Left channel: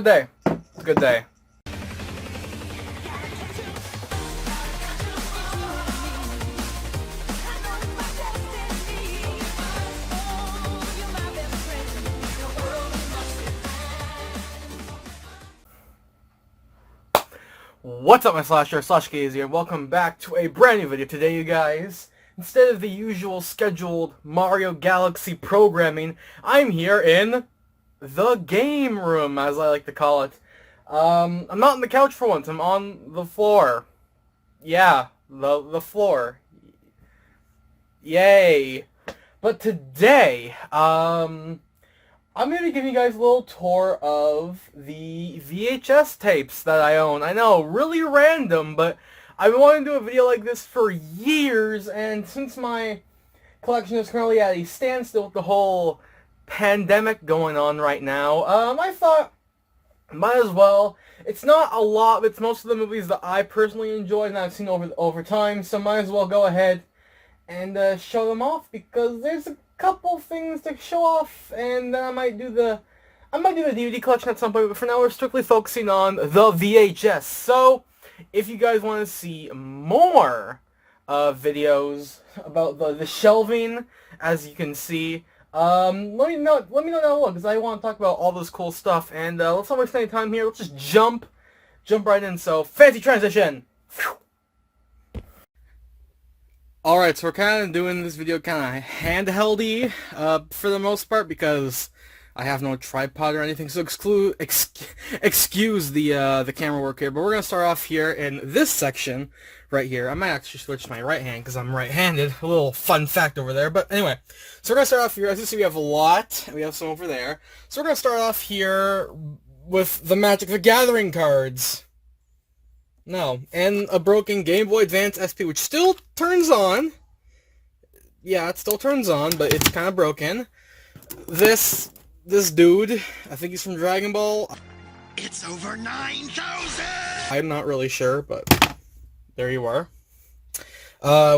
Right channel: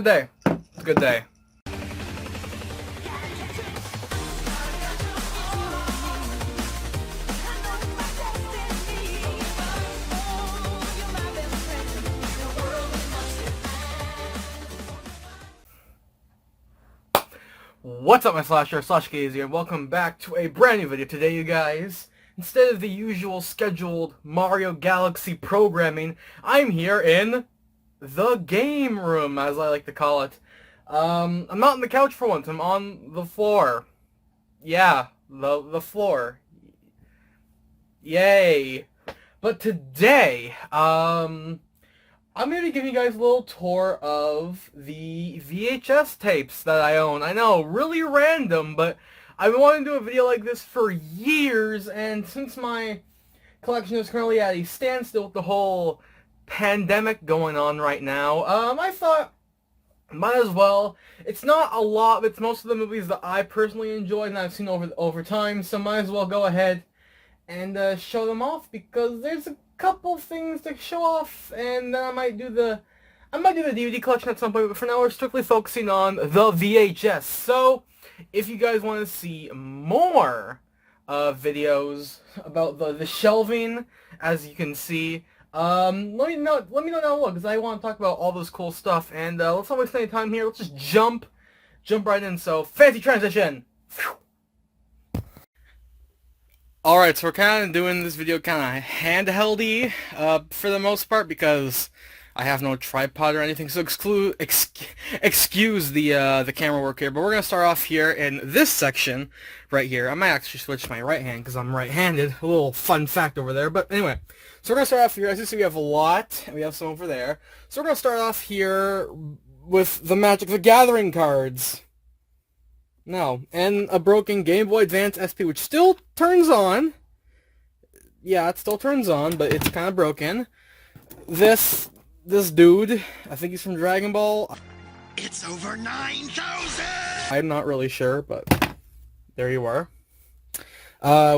good day. It's a good day. What's up, my slasherkz here, and welcome back to a brand new video. Today, you guys, instead of the usual scheduled Mario Galaxy programming, I'm here in the game room, as I like to call it. I'm not on the couch for once, I'm on the floor. Yeah, the floor. Yay. But today, I'm going to give you guys a little tour of the VHS tapes that I own. I know, really random, but I've been wanting to do a video like this for years, and since my collection is currently at a standstill with the whole pandemic going on right now, I thought, might as well. It's not a lot, but it's most of the movies that I personally enjoy and I've seen over time, so might as well go ahead and show them off, because there's a couple things to show off, and I might do the DVD collection at some point, but for now we're strictly focusing on the VHS. So if you guys want to see more videos about the shelving, as you can see, let me know down below, because I want to talk about all this cool stuff. And let's not waste any time here. Let's just jump right in. So fancy transition. Phew. Alright, so we're kind of doing this video kind of handheld-y for the most part, because I have no tripod or anything, so excuse the camera work here. But we're going to start off here in this section right here. I might actually switch my right hand because I'm right-handed. A little fun fact over there. But anyway, so we're going to start off here. As you see, we have a lot, and we have some over there. So we're going to start off here with the Magic the Gathering cards. No, and a broken Game Boy Advance SP, which still turns on. Yeah, it still turns on, but it's kind of broken. This dude, I think he's from Dragon Ball. It's over 9,000! I'm not really sure, but there you are.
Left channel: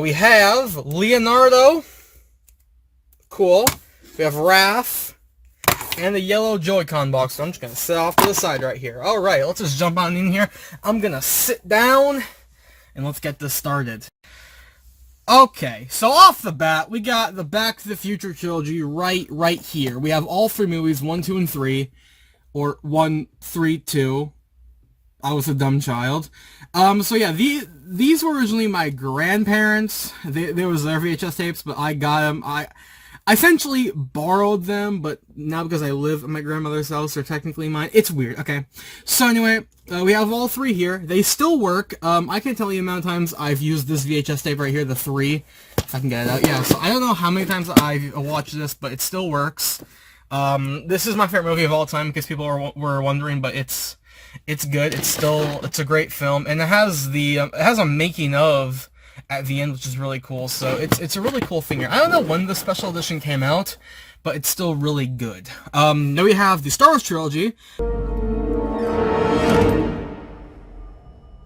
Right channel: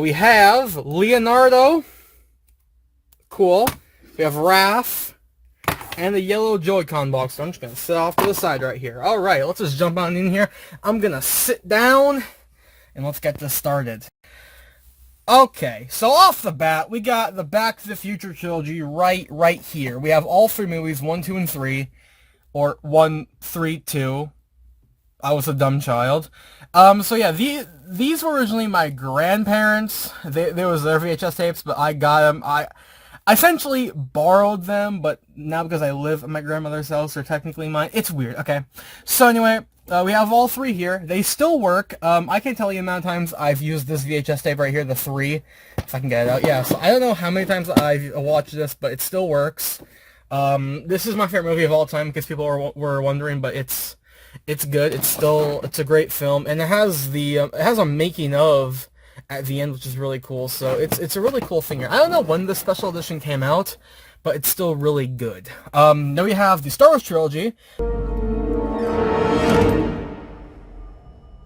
We have Leonardo. Cool. We have Raph. And the yellow Joy-Con box, so I'm just going to sit off to the side right here. Alright, let's just jump on in here. I'm going to sit down, and let's get this started. Okay, so off the bat, we got the Back to the Future trilogy right here. We have all three movies, 1, 2, and 3. Or 1, 3, 2. I was a dumb child. So yeah, these were originally my grandparents. There was their VHS tapes, but I got them. I essentially borrowed them, but now because I live at my grandmother's house, they're technically mine. It's weird, okay. So anyway, we have all three here. They still work. I can't tell you the amount of times I've used this VHS tape right here, the 3, if I can get it out. Yeah, so I don't know how many times I've watched this, but it still works. This is my favorite movie of all time, because people were wondering, but it's good. It's a great film, and it has a making of at the end, which is really cool. So it's a really cool thing here. I don't know when the special edition came out, but it's still really good. Then we have the Star Wars trilogy.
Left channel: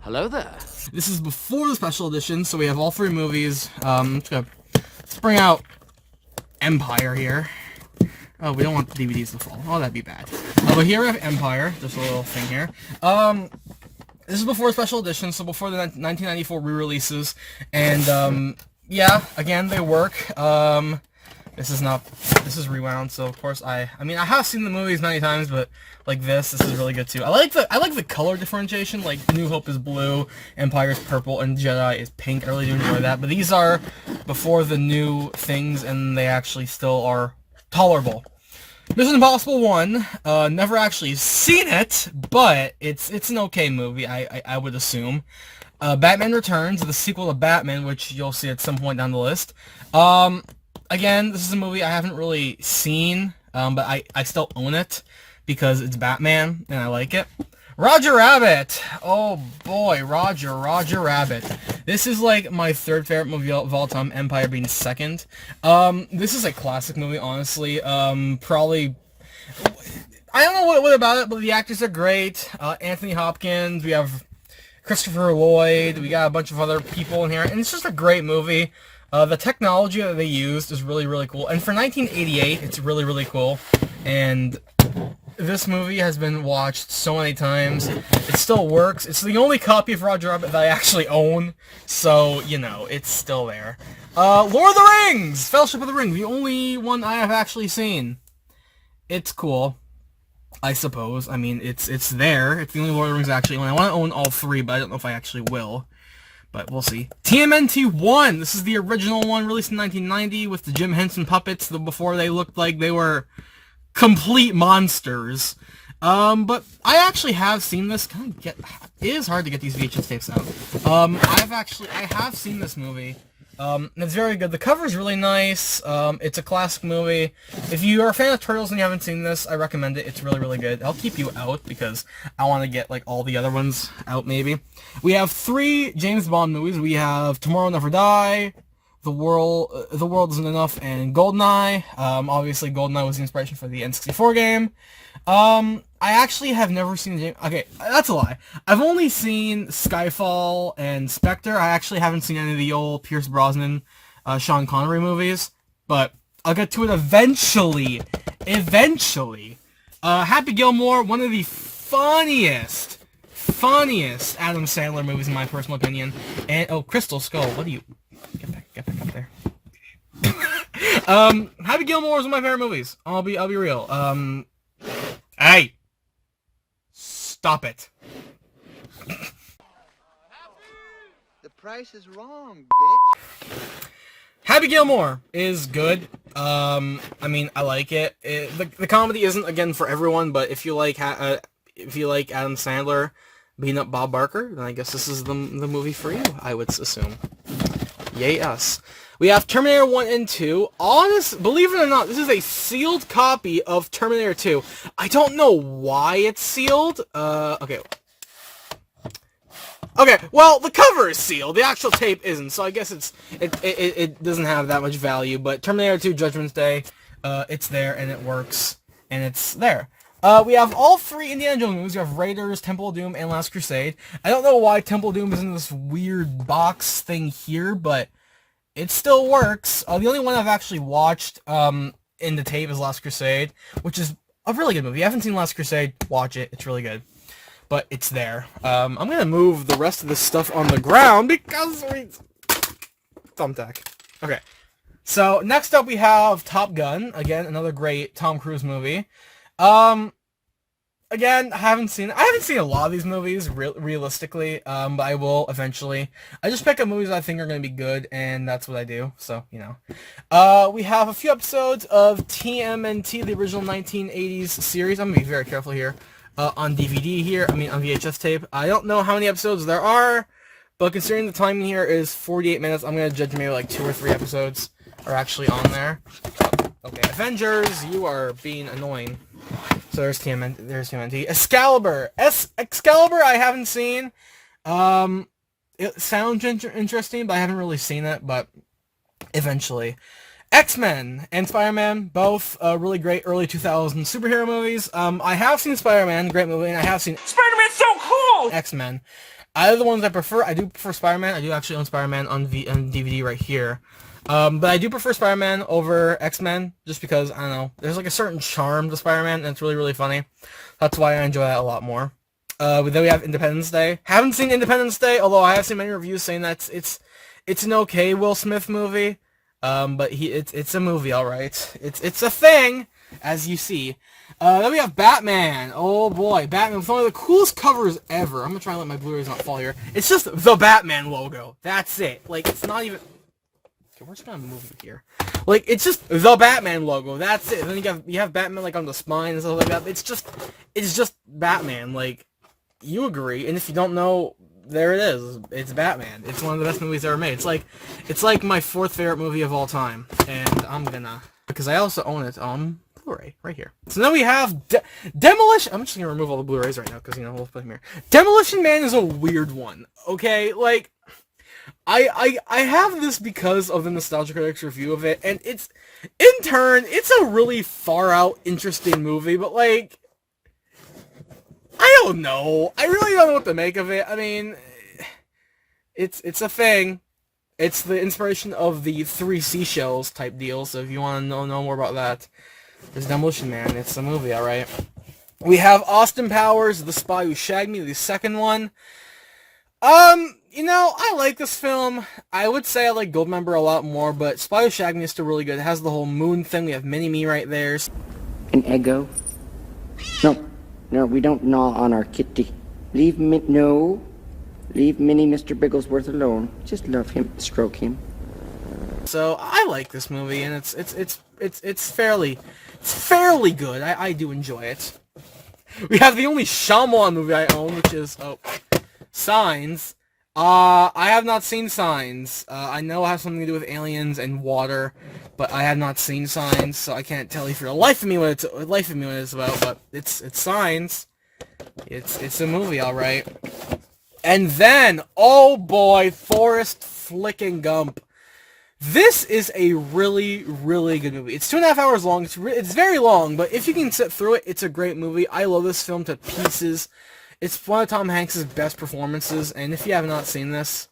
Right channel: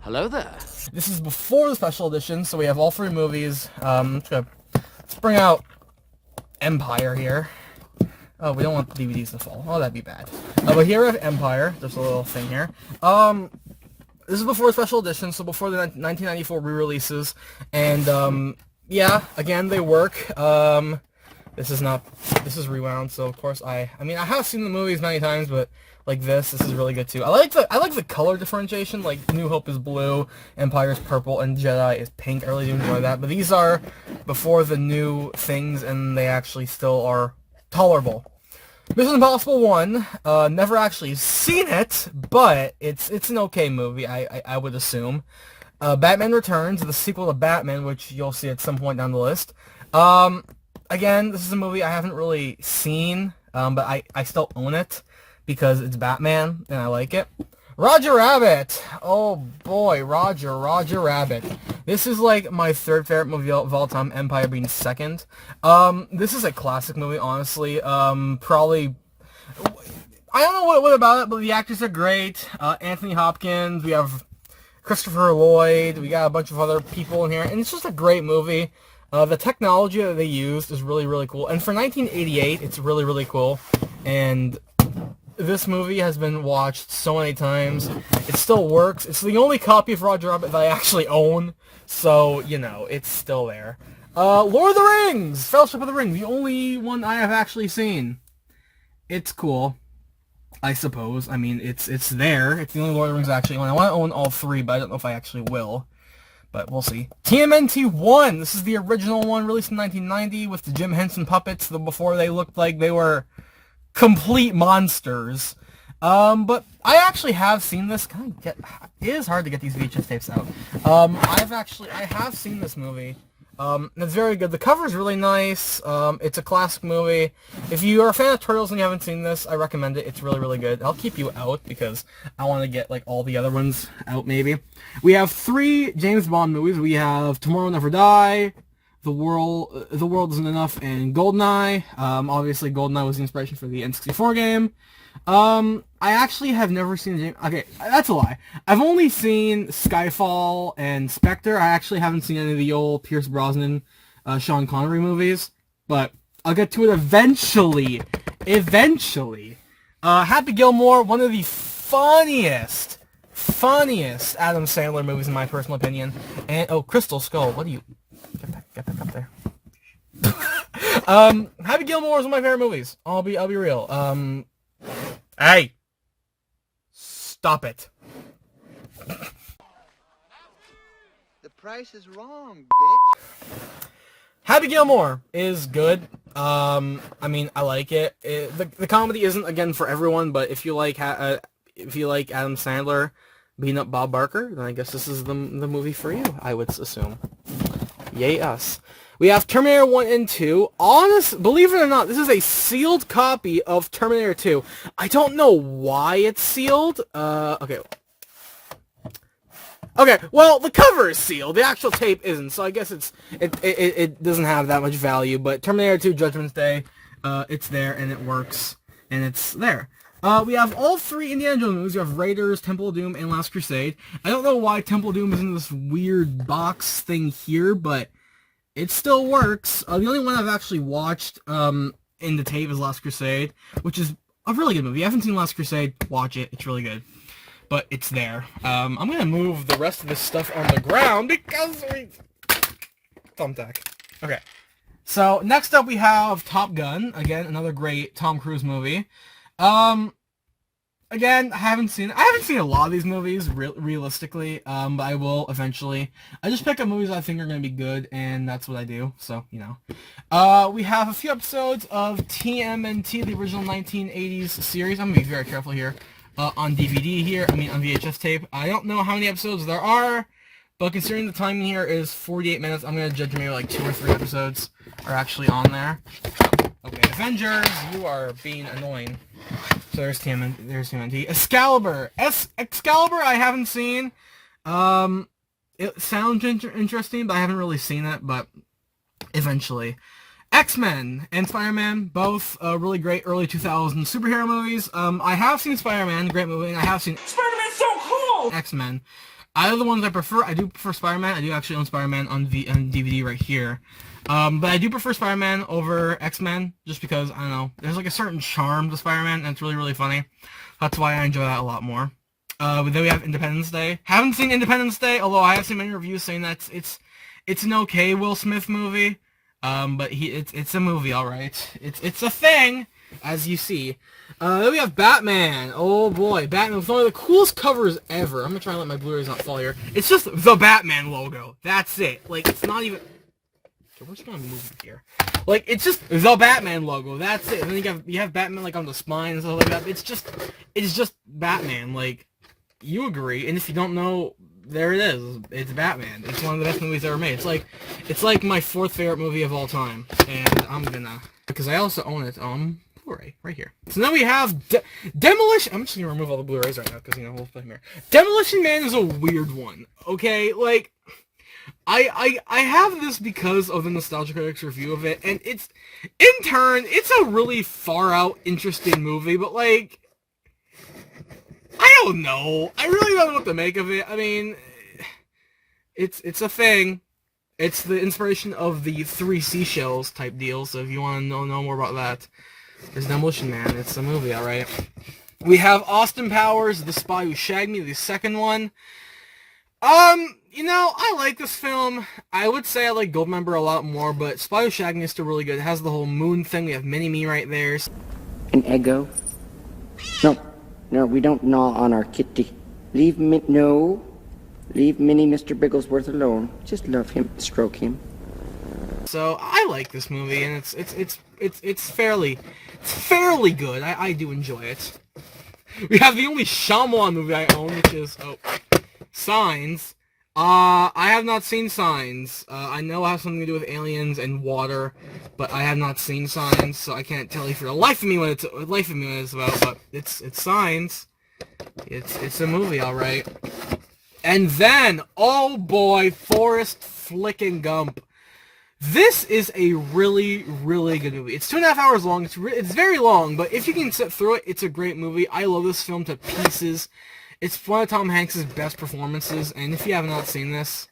Hello there. This is before the special edition, so we have all three movies. Let's bring out Empire here. Oh, we don't want the DVDs to fall. Oh, that'd be bad. But here we have Empire. There's a little thing here. This is before special edition, so before the 1994 re-releases, and yeah, again, they work. This is rewound, so of course I have seen the movies many times, but like this is really good too. I like the color differentiation. Like New Hope is blue, Empire is purple, and Jedi is pink. I really do enjoy that. But these are before the new things, and they actually still are tolerable. Mission Impossible 1, never actually seen it, but it's an okay movie, I would assume. Batman Returns, the sequel to Batman, which you'll see at some point down the list. Again, this is a movie I haven't really seen, but I still own it, because it's Batman, and I like it. Roger Rabbit! Oh boy, Roger Rabbit. This is like my third favorite movie of all time, Empire being second. This is a classic movie, honestly. Probably, I don't know what about it, but the actors are great. Anthony Hopkins, we have Christopher Lloyd, we got a bunch of other people in here, and it's just a great movie. The technology that they used is really, really cool. And for 1988, it's really, really cool. And This movie has been watched so many times. It still works. It's the only copy of Roger Rabbit that I actually own, so, you know, it's still there. Lord of the Rings! Fellowship of the Ring, the only one I have actually seen. It's cool, I suppose. I mean, it's there. It's the only Lord of the Rings I actually own. I want to own all three, but I don't know if I actually will. But we'll see. TMNT 1! This is the original one, released in 1990, with the Jim Henson puppets, before they looked like they were complete monsters. But I actually have seen this. It is hard to get these VHS tapes out. I have seen this movie. It's very good. The cover is really nice. It's a classic movie. If you are a fan of Turtles and you haven't seen this, I recommend it. It's really, really good. I'll keep you out because I want to get, like, all the other ones out, maybe. We have 3 James Bond movies. We have Tomorrow Never Die, The World Isn't Enough, and GoldenEye. Obviously, GoldenEye was the inspiration for the N64 game. I actually have never seen okay, that's a lie. I've only seen Skyfall and Spectre. I actually haven't seen any of the old Pierce Brosnan, Sean Connery movies, but I'll get to it eventually. Happy Gilmore, one of the funniest Adam Sandler movies in my personal opinion. And, oh, Crystal Skull, what do you, get back up there. Happy Gilmore is one of my favorite movies. I'll be real. Hey! Stop it. The price is wrong, bitch. Happy Gilmore is good. I mean, I like it. The comedy isn't, again, for everyone, but if you like Adam Sandler beating up Bob Barker, then I guess this is the movie for you, I would assume. Yay us. We have Terminator 1 and 2. Believe it or not, this is a sealed copy of Terminator 2. I don't know why it's sealed. Okay, well, the cover is sealed. The actual tape isn't, so I guess it doesn't have that much value. But Terminator 2 Judgment Day, it's there, and it works, and it's there. We have all 3 Indiana Jones movies. We have Raiders, Temple of Doom, and Last Crusade. I don't know why Temple of Doom is in this weird box thing here, but it still works. The only one I've actually watched in the tape is Last Crusade, which is a really good movie. If you haven't seen Last Crusade, watch it. It's really good. But it's there. I'm going to move the rest of this stuff on the ground because thumbtack. Okay. So, next up we have Top Gun. Again, another great Tom Cruise movie. Again, I haven't seen a lot of these movies, realistically, but I will eventually. I just pick up movies I think are going to be good, and that's what I do, so, you know. We have a few episodes of TMNT, the original 1980s series. I'm going to be very careful here. On DVD here, on VHS tape. I don't know how many episodes there are, but considering the timing here is 48 minutes, I'm going to judge maybe like 2 or 3 episodes are actually on there. Okay, Avengers, you are being annoying. So there's TMNT. Excalibur I haven't seen. It sounds interesting, but I haven't really seen it, but eventually. X-Men and Spider-Man, both really great early 2000s superhero movies. I have seen Spider-Man, great movie, and I have seen Spider-Man's so cool! X-Men. Out of the ones I prefer, I do prefer Spider-Man. I do actually own Spider-Man on DVD right here. But I do prefer Spider-Man over X-Men, just because, I don't know, there's like a certain charm to Spider-Man, and it's really, really funny. That's why I enjoy that a lot more. Then we have Independence Day. Haven't seen Independence Day, although I have seen many reviews saying that it's an okay Will Smith movie. But it's a movie, alright. It's a thing, as you see. Then we have Batman. Oh boy, Batman with one of the coolest covers ever. I'm gonna try to let my Blu-rays not fall here. It's just the Batman logo. That's it. Like, it's not even... Okay, we're just gonna move it here. Like, it's just the Batman logo. That's it. And then you have Batman, like, on the spine and stuff like that. It's just Batman. Like, you agree. And if you don't know... There it is. It's Batman. It's one of the best movies ever made. It's like my 4th favorite movie of all time. And I'm gonna... Because I also own it on Blu-ray. Right here. So then we have Demolition... I'm just gonna remove all the Blu-rays right now. Because, you know, we'll put them here. Demolition Man is a weird one. Okay? Like... I have this because of the Nostalgia Critic's review of it. And it's... In turn, it's a really far-out, interesting movie. But, like... I don't know. I really don't know what to make of it. I mean, it's a thing. It's the inspiration of the 3 Seashells type deal, so if you want to know more about that, there's Demolition Man. It's a movie, alright? We have Austin Powers, The Spy Who Shagged Me, the second one. You know, I like this film. I would say I like Goldmember a lot more, but Spy Who Shagged Me is still really good. It has the whole moon thing. We have Mini-Me right there. An Eggo? No, we don't gnaw on our kitty. Leave Minnie Mr. Bigglesworth alone. Just love him, stroke him. So I like this movie, and it's fairly good. I do enjoy it. We have the only Shyamalan movie I own, which is Signs. I have not seen Signs. I know it has something to do with aliens and water, but I have not seen Signs, so I can't tell you for the life of me what it's about. But it's Signs. It's a movie, all right. And then, oh boy, Forrest Flickin' Gump. This is a really, really good movie. It's 2.5 hours long. It's very long, but if you can sit through it, it's a great movie. I love this film to pieces. It's one of Tom Hanks' best performances, and if you have not seen this,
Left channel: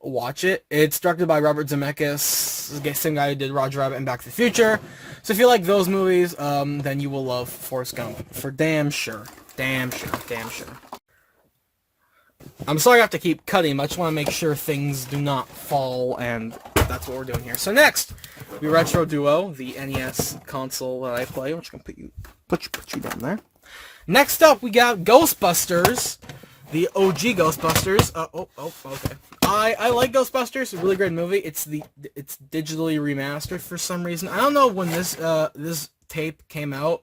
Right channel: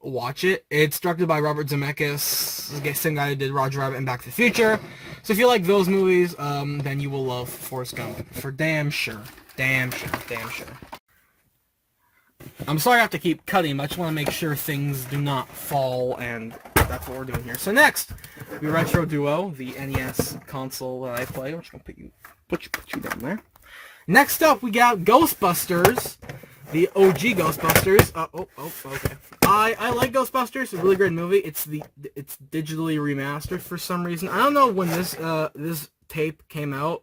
watch it. It's directed by Robert Zemeckis, the same guy who did Roger Rabbit and Back to the Future. So if you like those movies, then you will love Forrest Gump, for damn sure. Damn sure. I'm sorry I have to keep cutting, but I just want to make sure things do not fall, and that's what we're doing here. So next, we Retro Duo, the NES console that I play. I'm just going to put you down there. Next up, we got Ghostbusters, the OG Ghostbusters. Okay. I like Ghostbusters. It's a really great movie. It's digitally remastered for some reason. I don't know when this tape came out.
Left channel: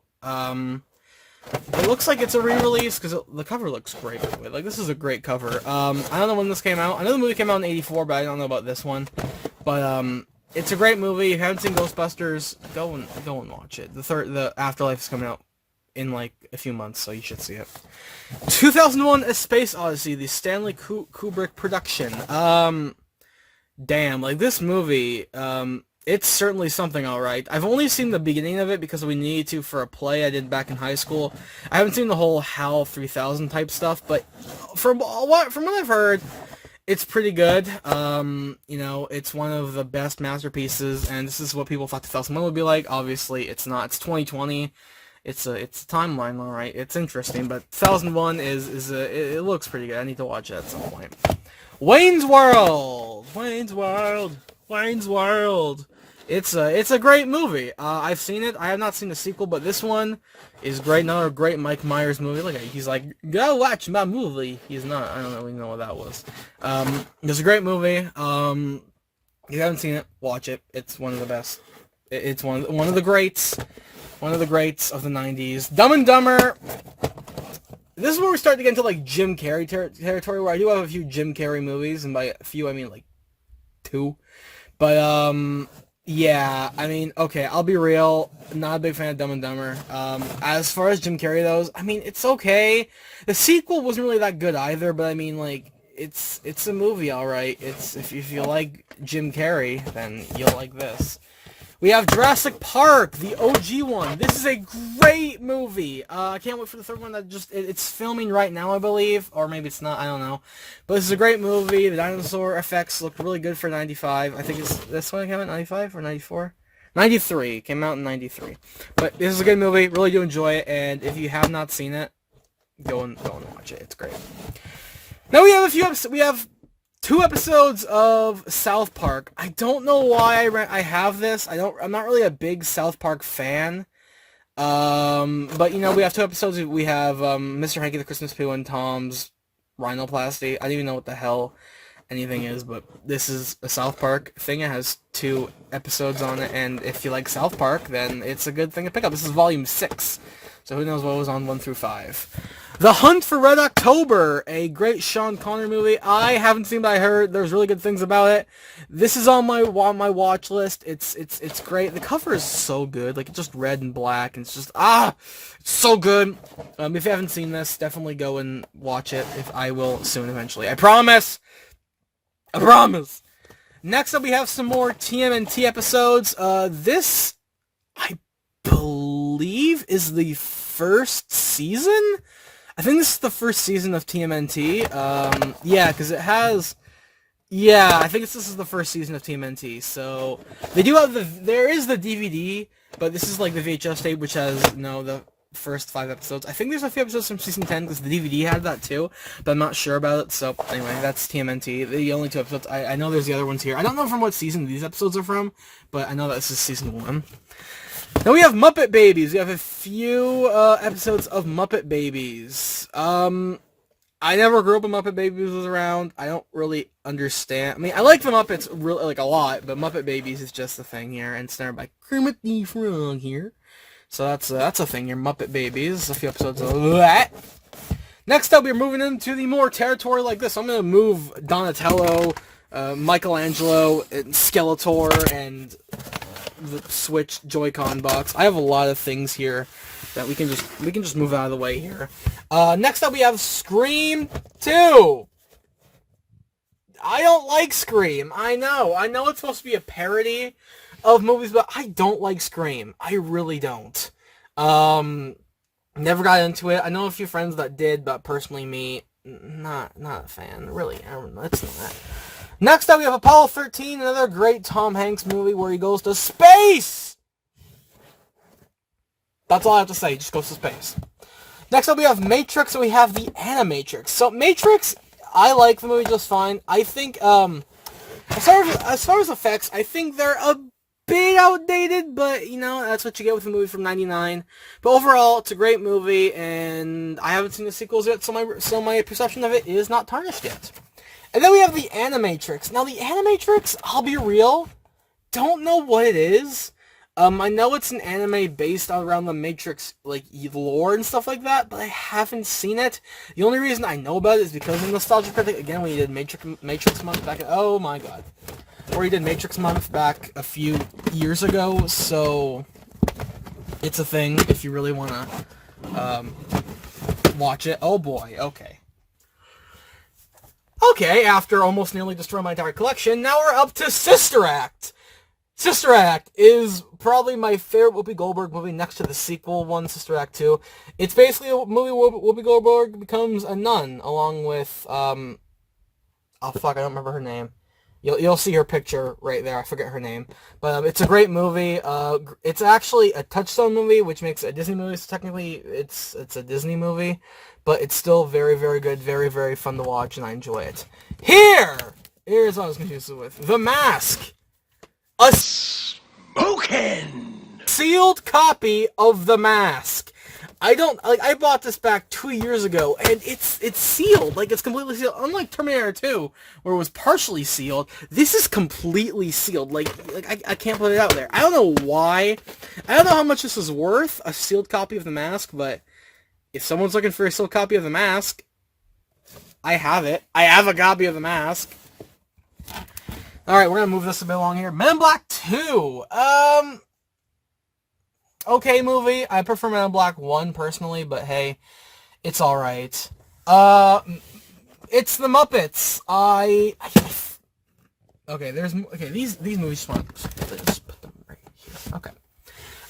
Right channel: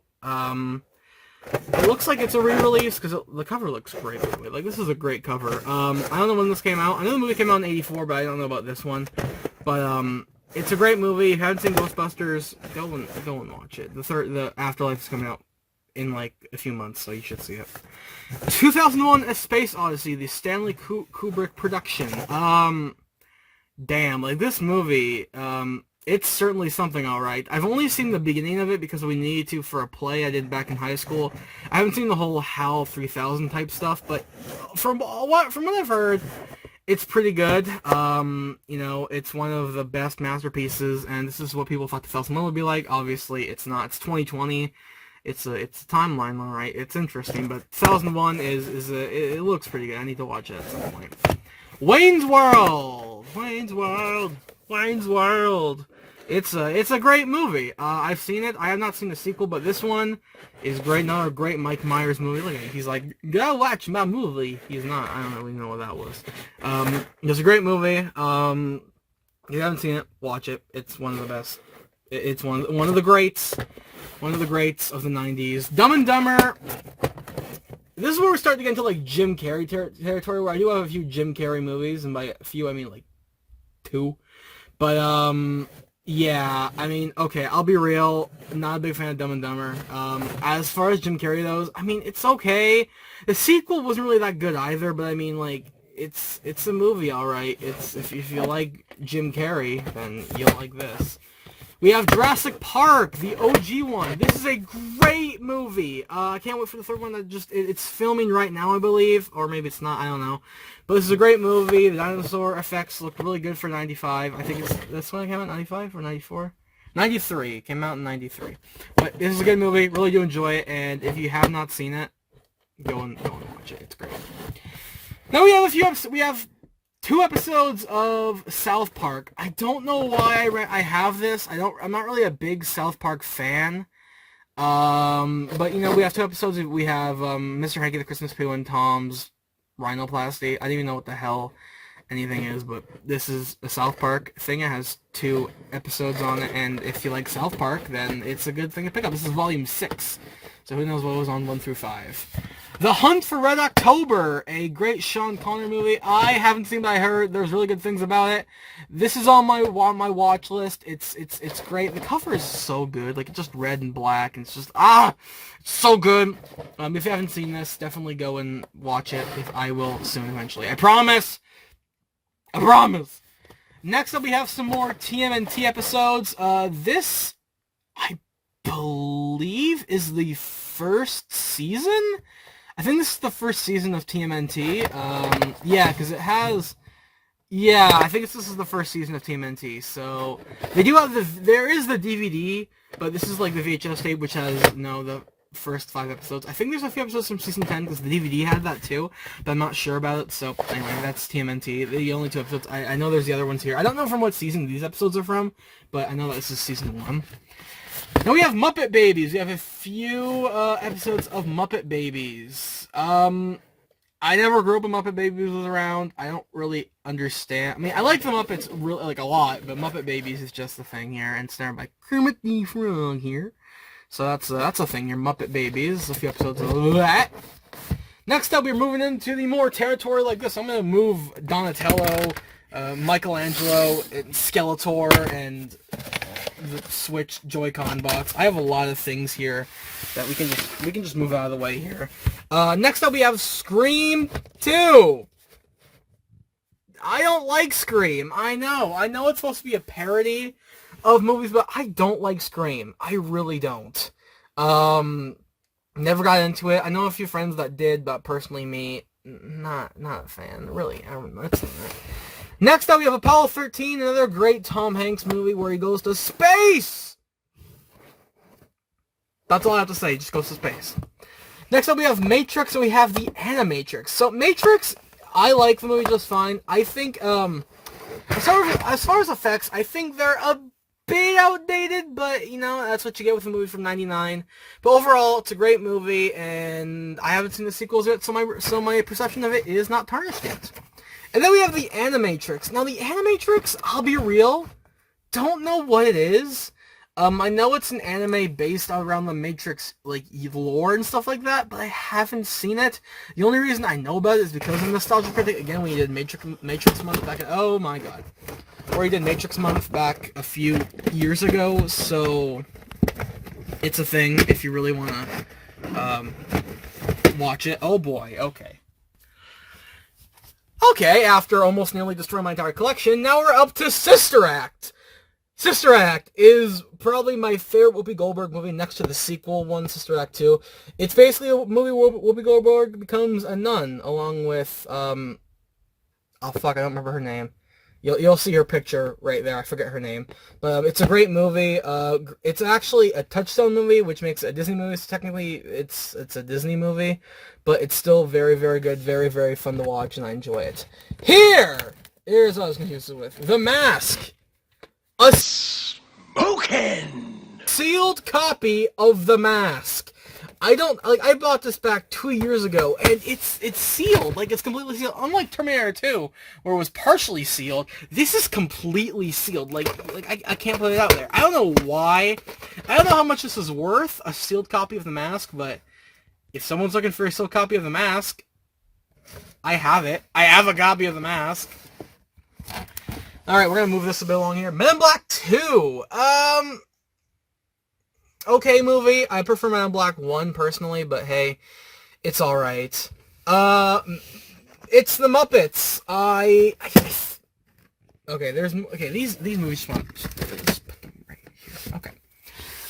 It looks like it's a re-release because the cover looks great. By the way. Like, this is a great cover. I don't know when this came out. I know the movie came out in '84, but I don't know about this one. But it's a great movie. If you haven't seen Ghostbusters, go and watch it. The Afterlife is coming out in like a few months, so you should see it. 2001: A Space Odyssey, the Stanley Kubrick production. Damn, like this movie, it's certainly something, alright. I've only seen the beginning of it because we needed to for a play I did back in high school. I haven't seen the whole HAL 3000 type stuff, but from what I've heard, it's pretty good. You know, it's one of the best masterpieces, and this is what people thought 2001 would be like. Obviously, it's not. It's 2020. It's a timeline, alright. It's interesting, but 2001 it looks pretty good. I need to watch it at some point. Wayne's World. It's a great movie. I've seen it. I have not seen the sequel, but this one is great. Another great Mike Myers movie. Look at it. He's like, go watch my movie. He's not. I don't really know what that was. It's a great movie. If you haven't seen it, watch it. It's one of the best. It's one of the greats. One of the greats of the 90s. Dumb and Dumber. This is where we start to get into like Jim Carrey territory, where I do have a few Jim Carrey movies, and by a few I mean like 2. But yeah, I mean, okay, I'll be real, not a big fan of Dumb and Dumber. As far as Jim Carrey goes, I mean, it's okay. The sequel wasn't really that good either, but I mean, like, it's a movie, alright. It's if you like Jim Carrey, then you'll like this. We have Jurassic Park, the OG one. This is a great movie. I can't wait for the third one. It's filming right now, I believe. Or maybe it's not, I don't know. But this is a great movie. The dinosaur effects look really good for 95. I think this one came out in 95 or 94? 93. It came out in 93. But this is a good movie. Really do enjoy it. And if you have not seen it, go and watch it. It's great. Now we have a few episodes. We have 2 episodes of South Park. I don't know why I have this. I'm not really a big South Park fan. But you know, we have 2 episodes. We have Mr. Hanky the Christmas Poo and Tom's rhinoplasty. I don't even know what the hell anything is, but this is a South Park thing. It has 2 episodes on it, and if you like South Park, then it's a good thing to pick up. This is volume 6. So who knows what was on 1 through 5. The Hunt for Red October, a great Sean Connery movie. I haven't seen, but I heard there's really good things about it. This is on my watch list. It's great. The cover is so good, like it's just red and black, and it's just it's so good. If you haven't seen this, definitely go and watch it. If I will soon, eventually. I promise. I promise. Next up, we have some more TMNT episodes. This, I believe, is the first season? I think this is the first season of TMNT. Yeah, because it has... Yeah, I think this is the first season of TMNT. So, they do have there is the DVD, but this is like the VHS tape, which has, the first 5 episodes. I think there's a few episodes from season 10 because the DVD had that too, but I'm not sure about it. So anyway, that's TMNT. The only 2 episodes. I know there's the other ones here. I don't know from what season these episodes are from, but I know that this is season 1. Now we have Muppet Babies. We have a few episodes of Muppet Babies. I never grew up when Muppet Babies was around. I don't really understand. I mean, I like the Muppets really like a lot, but Muppet Babies is just the thing here, and it's starred by Kermit the Frog here. So that's a thing here, Muppet Babies. A few episodes of that. Next up, we're moving into the more territory like this. I'm gonna move Donatello, Michelangelo, and Skeletor, and the Switch Joy-Con box. I have a lot of things here that we can just move out of the way here. Next up we have Scream 2. I don't like Scream. I know it's supposed to be a parody of movies, but I don't like Scream. I really don't. Never got into it. I know a few friends that did, but personally me, not a fan. Really, it's not. Next up, we have Apollo 13, another great Tom Hanks movie where he goes to space! That's all I have to say, he just goes to space. Next up, we have Matrix, and we have the Animatrix. So, Matrix, I like the movie just fine. I think, as far as effects, I think they're a bit outdated, but, you know, that's what you get with a movie from 99. But overall, it's a great movie, and I haven't seen the sequels yet, so my perception of it is not tarnished yet. And then we have the Animatrix. Now, the Animatrix, I'll be real, don't know what it is. I know it's an anime based around the Matrix, like, lore and stuff like that, but I haven't seen it. The only reason I know about it is because of Nostalgia Critic, again, when he did Matrix Month back in, oh my god. Or he did Matrix Month back a few years ago, so it's a thing if you really want to watch it. Oh boy, okay. Okay, after almost nearly destroying my entire collection, now we're up to Sister Act. Sister Act is probably my favorite Whoopi Goldberg movie next to the sequel one, Sister Act 2. It's basically a movie where Whoopi Goldberg becomes a nun, along with, oh fuck, I don't remember her name. You'll see her picture right there, I forget her name. But it's a great movie. It's actually a Touchstone movie, which makes it a Disney movie, so technically it's a Disney movie. But it's still very, very good, very, very fun to watch, and I enjoy it. Here's what I was confused with. The Mask. A Smoking! Sealed copy of The Mask. I bought this back 2 years ago, and it's sealed. Like, it's completely sealed. Unlike Terminator 2, where it was partially sealed, this is completely sealed. Like I can't put it out there. I don't know why. I don't know how much this is worth, a sealed copy of The Mask, but if someone's looking for a sealed copy of The Mask, I have it. I have a copy of The Mask. Alright, we're gonna move this a bit along here. Men in Black 2. Okay movie. I prefer Men in Black 1 personally, but hey, it's alright. It's the Muppets. These movies just want to put them right here. Okay.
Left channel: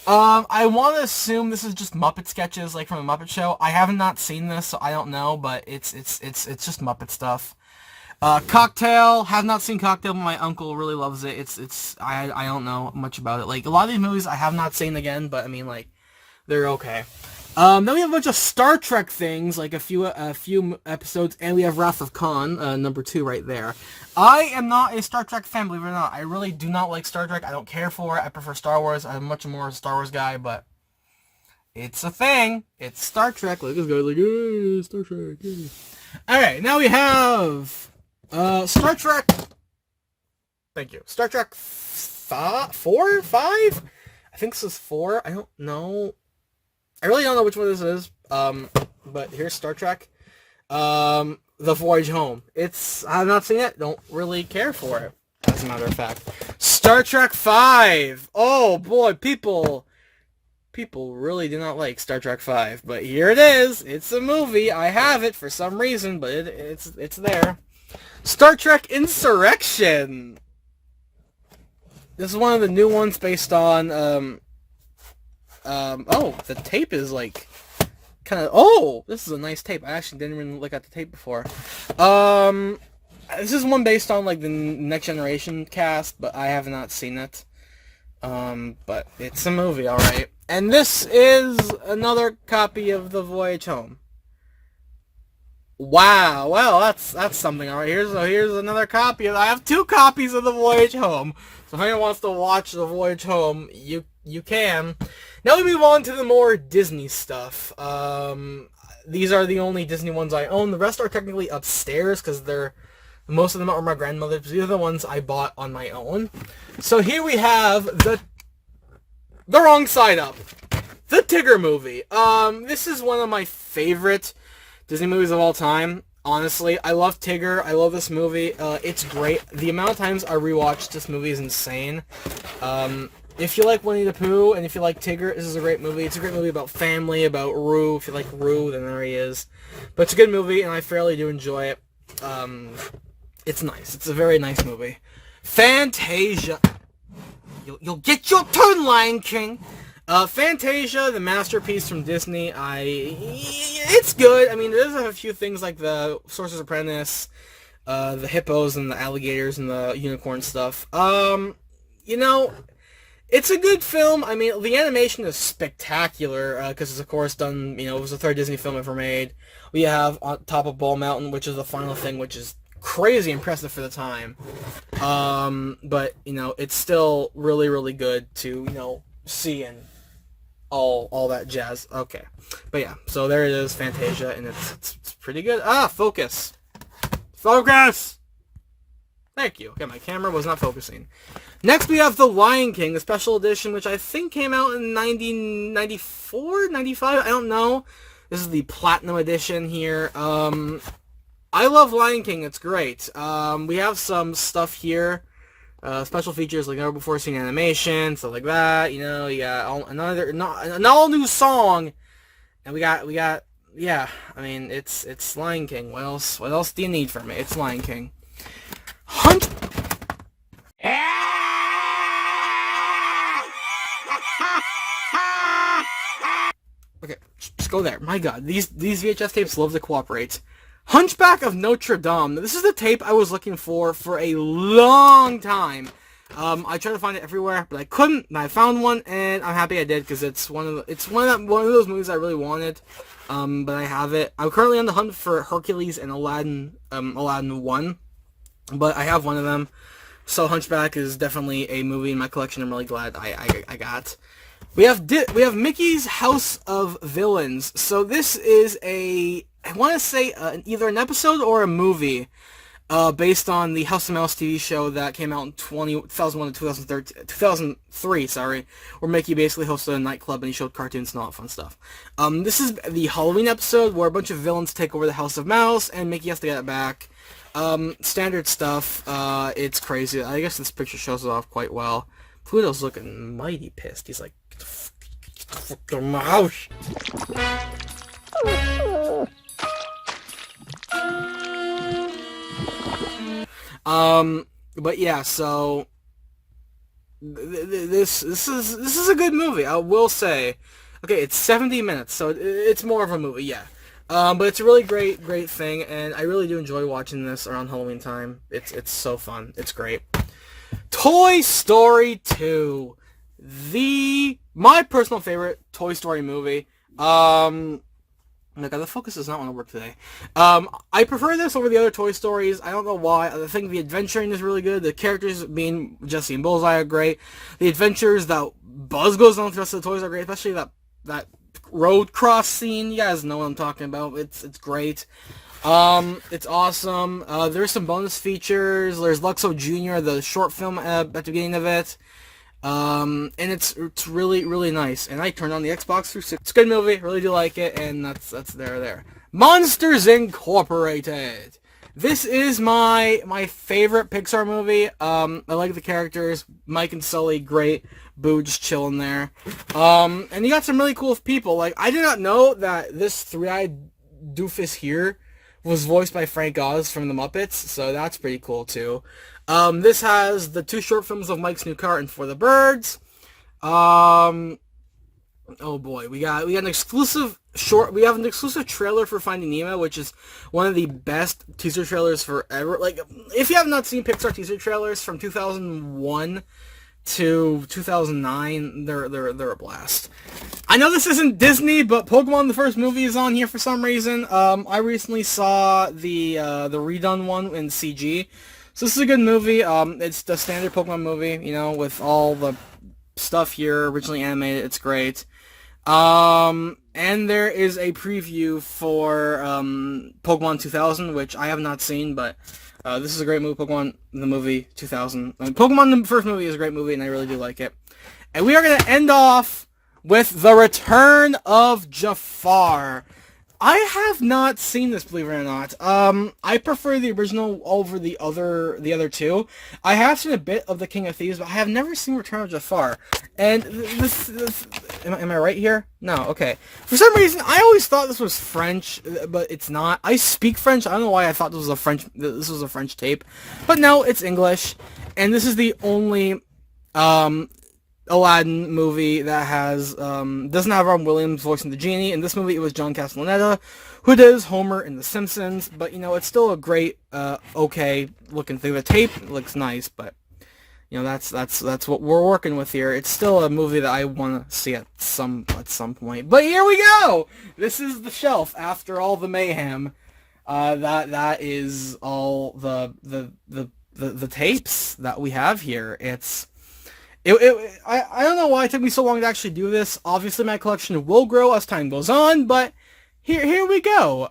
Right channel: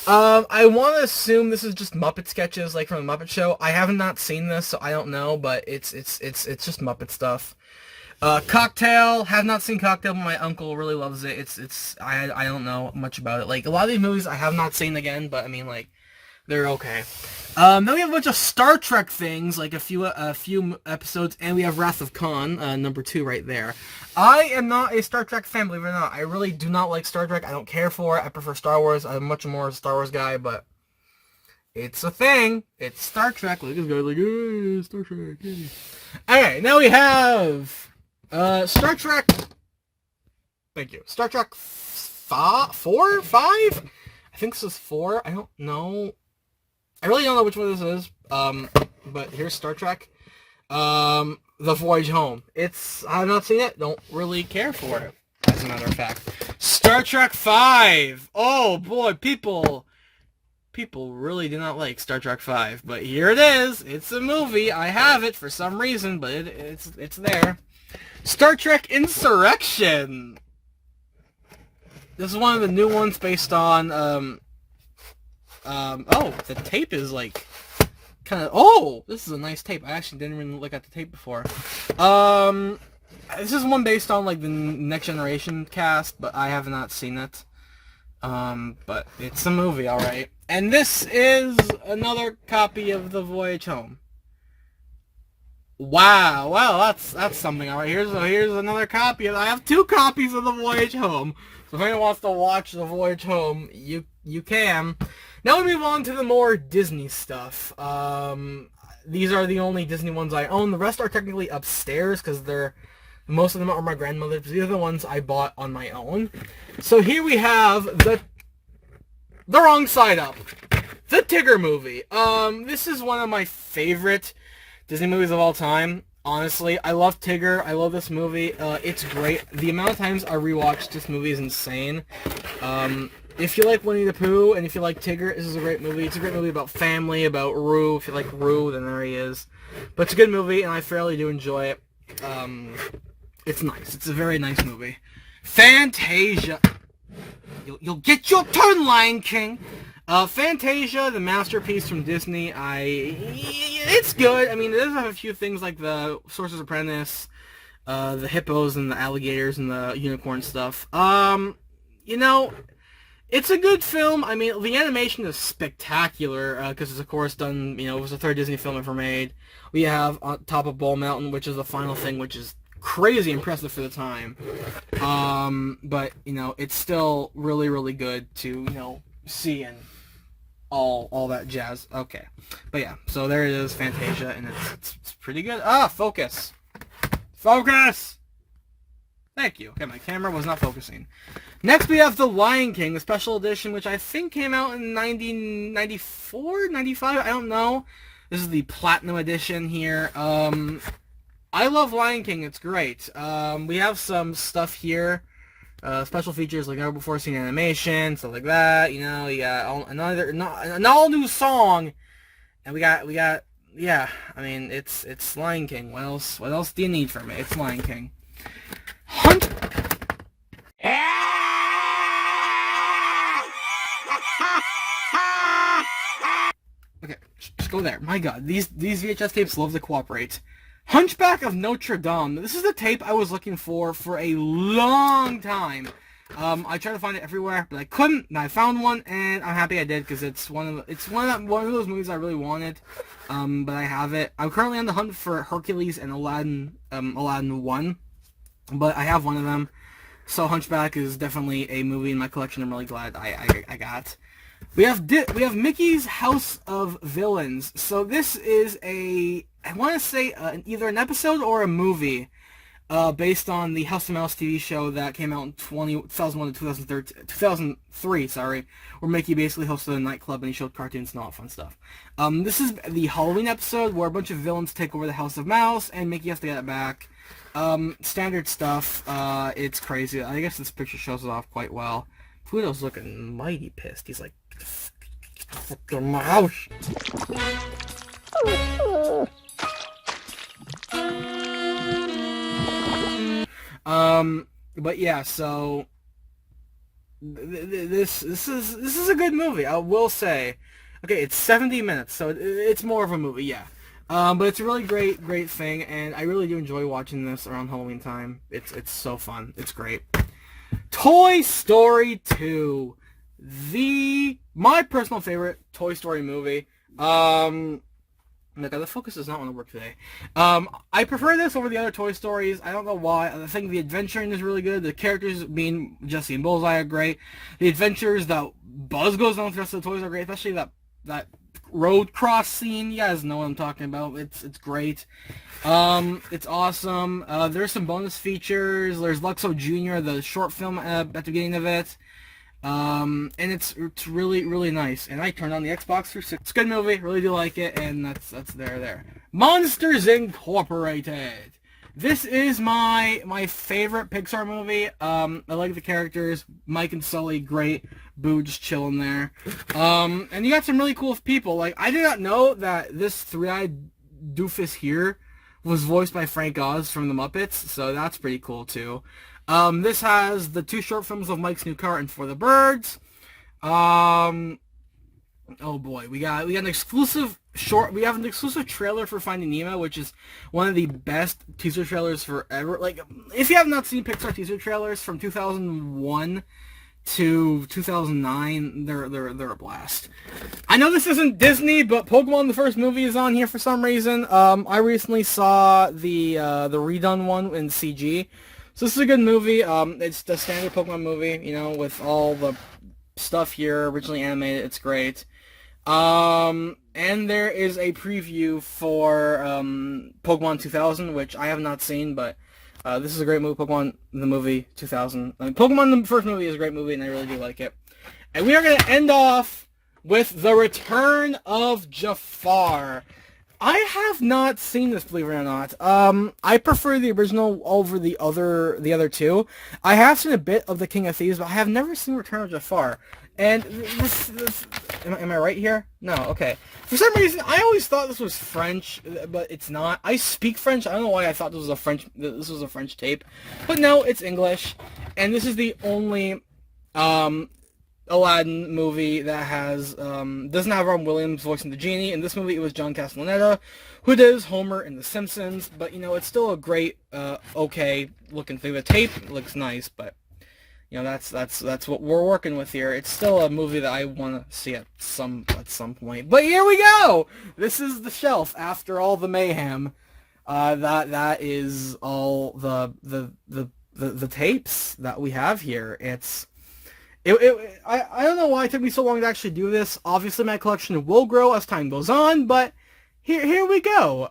I want to assume this is just Muppet sketches, like from the Muppet Show. I have not seen this, so I don't know, but it's just Muppet stuff. Cocktail, have not seen Cocktail, but my uncle really loves it. I don't know much about it. Like, a lot of these movies I have not seen again, but I mean, like, they're okay. Then we have a bunch of Star Trek things, like a few episodes, and we have Wrath of Khan, number 2 right there. I am not a Star Trek fan, believe it or not. I really do not like Star Trek. I don't care for it. I prefer Star Wars. I'm much more a Star Wars guy, but it's a thing. It's Star Trek. Look, this guy's like, Star Trek. Yeah. Alright, now we have Star Trek. Thank you. Star Trek 4? 5? I think this is 4. I don't know. I really don't know which one this is. But here's Star Trek. The Voyage Home. I have not seen it. Don't really care for it, as a matter of fact. Star Trek 5. Oh boy, people really do not like Star Trek 5. But here it is. It's a movie. I have it for some reason, but it's there. Star Trek Insurrection. This is one of the new ones based on, oh, the tape is like, kind of, oh, this is a nice tape. I actually didn't even look at the tape before. This is one based on, like, the Next Generation cast, but I have not seen it. But it's a movie, alright. And this is another copy of The Voyage Home. Wow, well, that's something, alright. Here's another copy. I have 2 copies of The Voyage Home. So if anyone wants to watch The Voyage Home, you can. Now we move on to the more Disney stuff. These are the only Disney ones I own. The rest are technically upstairs because most of them are my grandmother's. These are the ones I bought on my own. So here we have the wrong side up. The Tigger movie. This is one of my favorite Disney movies of all time. Honestly, I love Tigger. I love this movie. It's great. The amount of times I rewatched this movie is insane. If you like Winnie the Pooh and if you like Tigger, this is a great movie. It's a great movie about family, about Roo. If you like Roo, then there he is. But it's a good movie, and I fairly do enjoy it. It's nice. It's a very nice movie. Fantasia. You'll get your turn, Lion King. Fantasia, the masterpiece from Disney. It's good. I mean, it does have a few things like the Sorcerer's Apprentice, the hippos and the alligators and the unicorn stuff. You know, it's a good film. I mean, the animation is spectacular, because it's, of course, done, it was the 3rd Disney film ever made. We have On Top of Bull Mountain, which is the final thing, which is crazy impressive for the time. But, it's still really, really good to, see and all that jazz. Okay. But, yeah, so there it is, Fantasia, and it's pretty good. Focus! Focus! Thank you. Okay, my camera was not focusing. Next, we have The Lion King, the special edition, which I think came out in 1994, 95, I don't know. This is the Platinum edition here. I love Lion King, it's great. We have some stuff here, special features like never before seen animation, stuff like that. You got an all new song, and we got, yeah. I mean, it's Lion King. What else do you need from it? It's Lion King. Hunt. Okay, just go there. My God, these VHS tapes love to cooperate. Hunchback of Notre Dame. This is the tape I was looking for a long time. I tried to find it everywhere, but I couldn't. And I found one, and I'm happy I did because it's one of those movies I really wanted. But I have it. I'm currently on the hunt for Hercules and Aladdin 1, but I have one of them. So Hunchback is definitely a movie in my collection. I'm really glad I got. We have Mickey's House of Villains. So this is I want to say either an episode or a movie based on the House of Mouse TV show that came out in 2001 to 2003, where Mickey basically hosted a nightclub and he showed cartoons and all that fun stuff. This is the Halloween episode where a bunch of villains take over the House of Mouse and Mickey has to get it back. Standard stuff. It's crazy. I guess this picture shows it off quite well. Pluto's looking mighty pissed. He's like, get the fuck out of my house. But yeah, so this is a good movie, I will say. Okay, it's 70 minutes, so it's more of a movie, yeah. But it's a really great thing, and I really do enjoy watching this around Halloween time. It's so fun. It's great. Toy Story 2, my personal favorite Toy Story movie. Look, the focus does not want to work today. I prefer this over the other Toy Stories. I don't know why. I think the adventuring is really good. The characters being Jessie and Bullseye are great. The adventures that Buzz goes on with the rest of the toys are great, especially that road cross scene. You guys know what I'm talking about. It's great. It's awesome. There's some bonus features. There's Luxo Jr., the short film at the beginning of it. And it's really, really nice. And I turned on the Xbox 360. It's a good movie. Really do like it. And that's there. Monsters Incorporated. This is my favorite Pixar movie. I like the characters. Mike and Sully, great. Boo just chilling there. And you got some really cool people. Like, I did not know that this three-eyed doofus here was voiced by Frank Oz from the Muppets. So that's pretty cool too. This has the 2 short films of Mike's New Car and For the Birds. Oh boy, we got an exclusive short. We have an exclusive trailer for Finding Nemo, which is one of the best teaser trailers forever. Like, if you have not seen Pixar teaser trailers from 2001 to 2009, they're a blast. I know this isn't Disney, but Pokemon the first movie is on here for some reason. I recently saw the redone one in CG. So this is a good movie. It's the standard Pokemon movie, you know, with all the stuff here, originally animated. It's great. And there is a preview for Pokemon 2000, which I have not seen, but this is a great movie. Pokemon the movie 2000. I mean, Pokemon the first movie is a great movie, and I really do like it. And we are going to end off with The Return of Jafar. I have not seen this, believe it or not. I prefer the original over the other two. I have seen a bit of The King of Thieves, but I have never seen Return of Jafar. And this am I right here? No, okay. For some reason, I always thought this was French, but it's not. I speak French. I don't know why I thought this was a French tape, but no, it's English. And this is the only Aladdin movie that has doesn't have Robin Williams voicing the genie. In this movie, it was John Castellaneta, who does Homer in The Simpsons. But you know, it's still a great, okay looking thing. The tape looks nice, but you know, that's what we're working with here. It's still a movie that I want to see at some point. But here we go. This is the shelf after all the mayhem. That is all the tapes that we have here. I don't know why it took me so long to actually do this. Obviously, my collection will grow as time goes on, but here we go.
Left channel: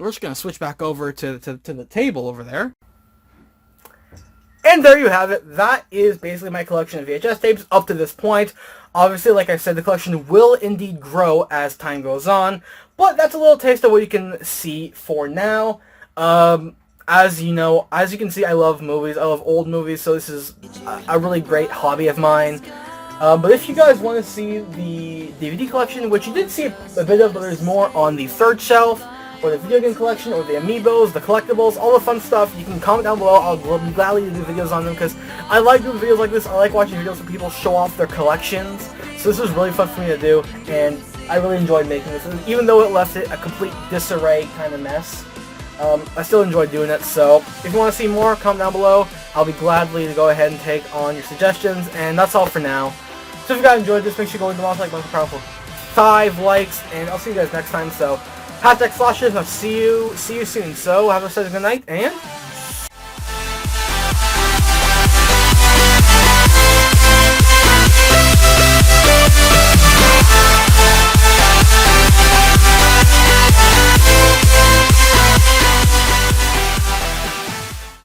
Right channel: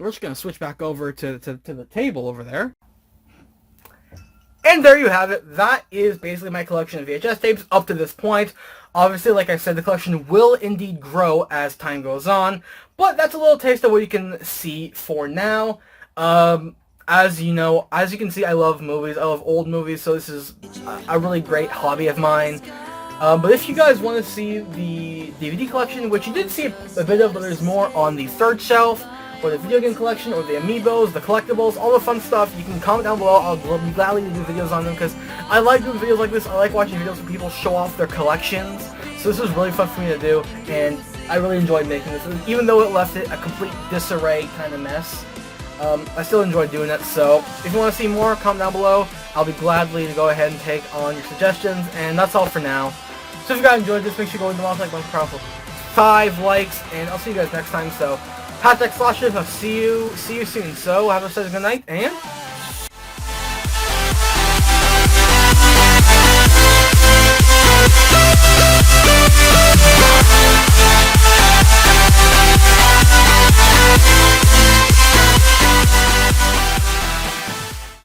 We're just gonna switch back over to the table over there. And there you have it. That is basically my collection of VHS tapes up to this point. Obviously, like I said, the collection will indeed grow as time goes on, but that's a little taste of what you can see for now. As you know, as you can see, I love movies. I love old movies, so this is a really great hobby of mine. But if you guys want to see the DVD collection, which you did see a bit of, but there's more on the third shelf, or the video game collection, or the amiibos, the collectibles, all the fun stuff, you can comment down below. I'll be gladly to do videos on them, because I like doing videos like this. I like watching videos where people show off their collections. So this was really fun for me to do, and I really enjoyed making this. Even though it left it a complete disarray kind of mess, I still enjoyed doing it. So if you want to see more, comment down below. I'll be gladly to go ahead and take on your suggestions, and that's all for now. So if you guys enjoyed this, make sure you go to the like button for 5 likes, and I'll see you guys next time. So #slasherkz, I'll see you soon. So have a good night, and